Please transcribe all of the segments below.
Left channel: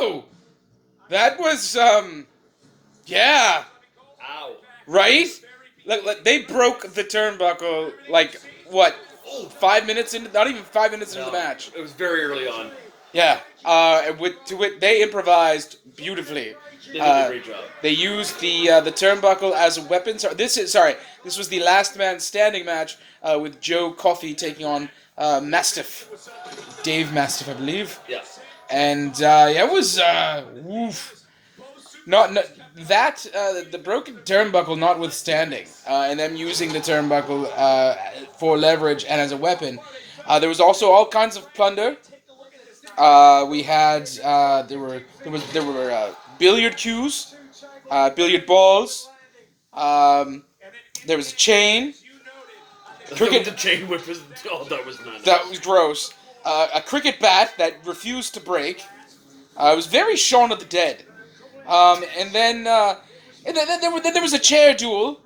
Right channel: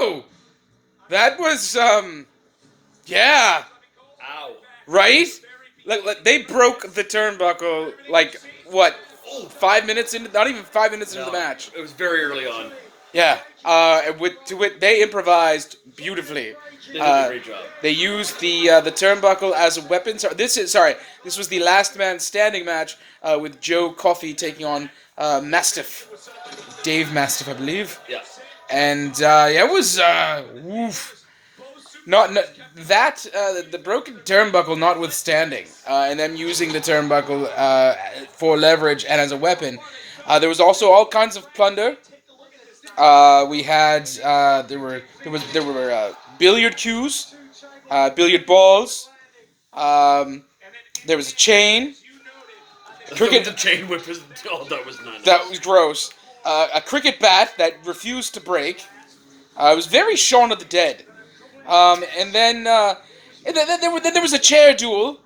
Oh, that was yeah, Ow. right. Like they broke the turnbuckle like what? 5 minutes into, not even 5 minutes into the match. It was very early on. Yeah, and they improvised beautifully. They did a great job. They used the turnbuckle as a weapon. This was the last man standing match with Joe Coffey taking on Mastiff, Dave Mastiff, I believe. Yeah. And yeah, it was oof. Not that the broken turnbuckle notwithstanding, and them using the turnbuckle for leverage and as a weapon. There was also all kinds of plunder. We had there were billiard cues, billiard balls. There was a chain. The chain whip was. Oh, that was not. That was gross. A cricket bat that refused to break. It was very Shaun of the Dead. And then there was a chair duel.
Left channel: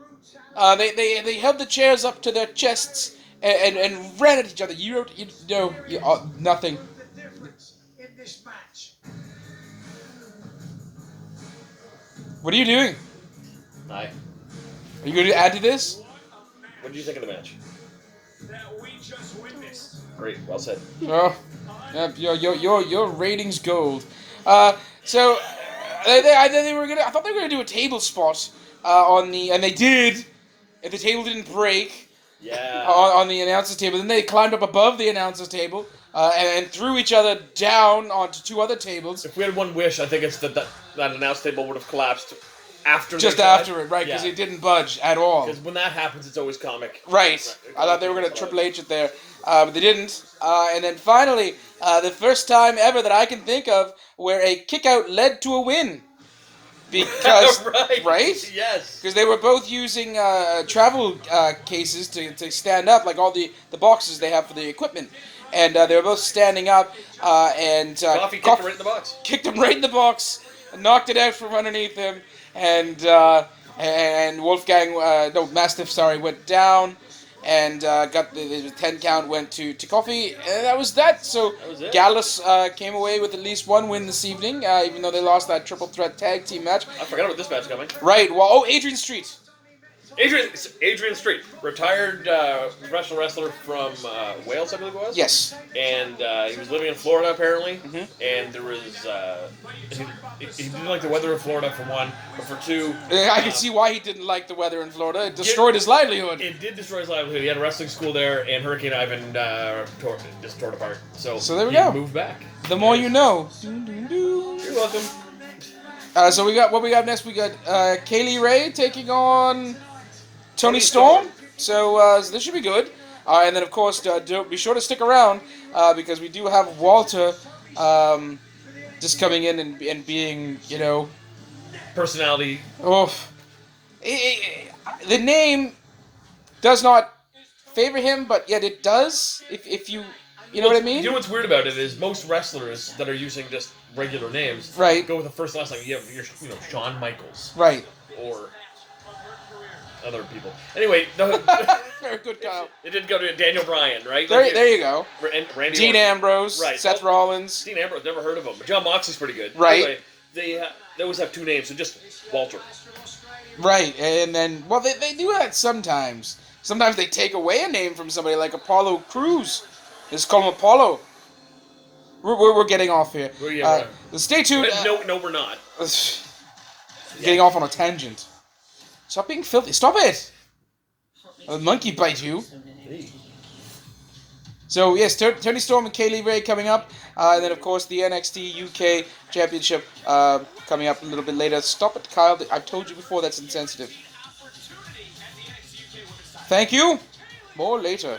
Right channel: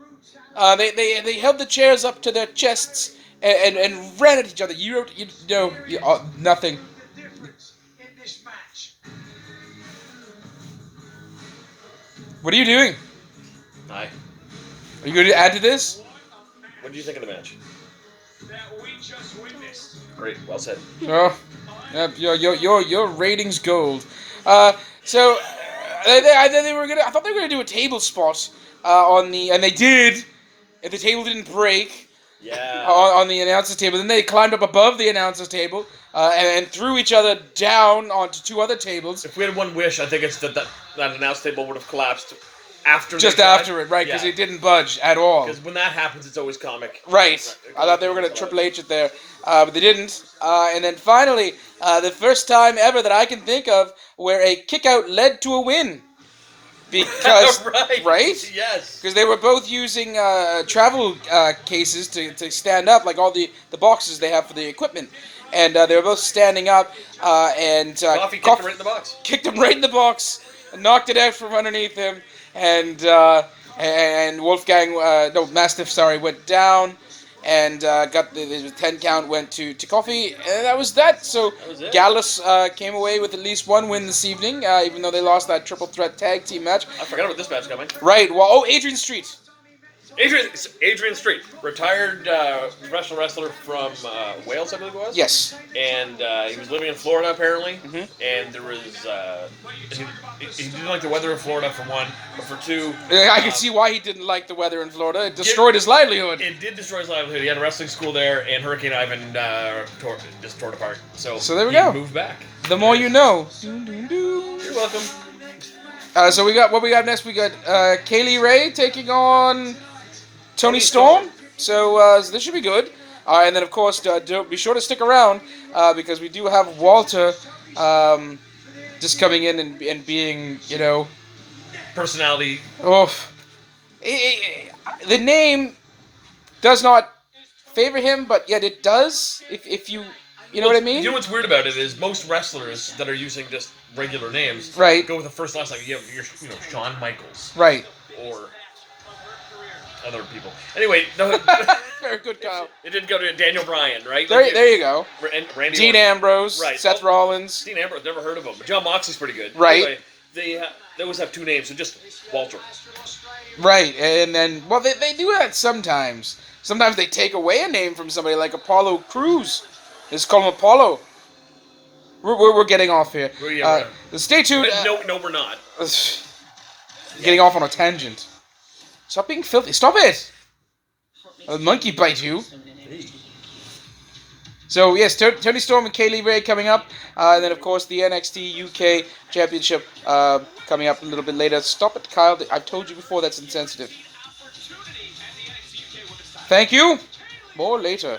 They held the chairs up to their chests and ran at each other. Nothing. What are you doing? Hi. Are you going to add to this? What did you think of the match? Great, well said. Oh, your ratings gold. So they were gonna. I thought they were gonna do a table spot and they did. If the table didn't break. Yeah. On the announcer's table, then they climbed up above the announcer's table and threw each other down onto two other tables. If we had one wish, I think it's that announce table would have collapsed after. Just after it, right? Because it didn't budge at all. Because when that happens, it's always comic. Right. I thought they were going to Triple H it there, but they didn't. And then finally, the first time ever that I can think of where a kick-out led to a win. Because right? Yes. Because they were both using travel cases to stand up, like all the boxes they have for the equipment, and they were both standing up. And Coffey kicked him right in the box. Kicked him right in the box, and knocked it out from underneath him, and Wolfgang, Mastiff, went down. And got the 10 count went to Coffey, and that was that. So that was it. Gallus came away with at least one win this evening, even though they lost that triple threat tag team match. I forgot about this match coming. Right. Well, Adrian Street. Adrian Street, retired professional wrestler from Wales, I believe it was. Yes. And he was living in Florida apparently. Mm-hmm. And there was he didn't like the weather in Florida for one, but for two, I can see why he didn't like the weather in Florida. It destroyed his livelihood. It did destroy his livelihood. He had a wrestling school there, and Hurricane Ivan just tore it apart. So there we go. He moved back. The more you know. You're welcome. So what we got next? We got Kaylee Ray taking on Tony Storm. So this should be good. And then, of course, be sure to stick around because we do have Walter just coming in and being, personality. Oh, the name does not favor him, but yet it does. If you know what I mean. You know what's weird about it is most wrestlers that are using just regular names, right, go with the first last name. You're Shawn Michaels, right, or other people. Anyway, very good, Kyle. It didn't go to Daniel Bryan, right? There you go. Randy Dean Orton. Ambrose, right? Seth Rollins. Dean Ambrose, never heard of him, but John Moxley's pretty good. Right. Anyway, they always have two names, so just Walter. Right, and then they do that sometimes. Sometimes they take away a name from somebody, like Apollo Crews. They just call him Apollo. We're getting off here. Stay tuned. No, we're not. Getting off on a tangent. Stop being filthy. Stop it! A monkey bite you. So, yes, Tony Storm and Kaylee Ray coming up. And then, of course, the NXT UK Championship coming up a little bit later. Stop it, Kyle. I've told you before that's insensitive. Thank you. More later.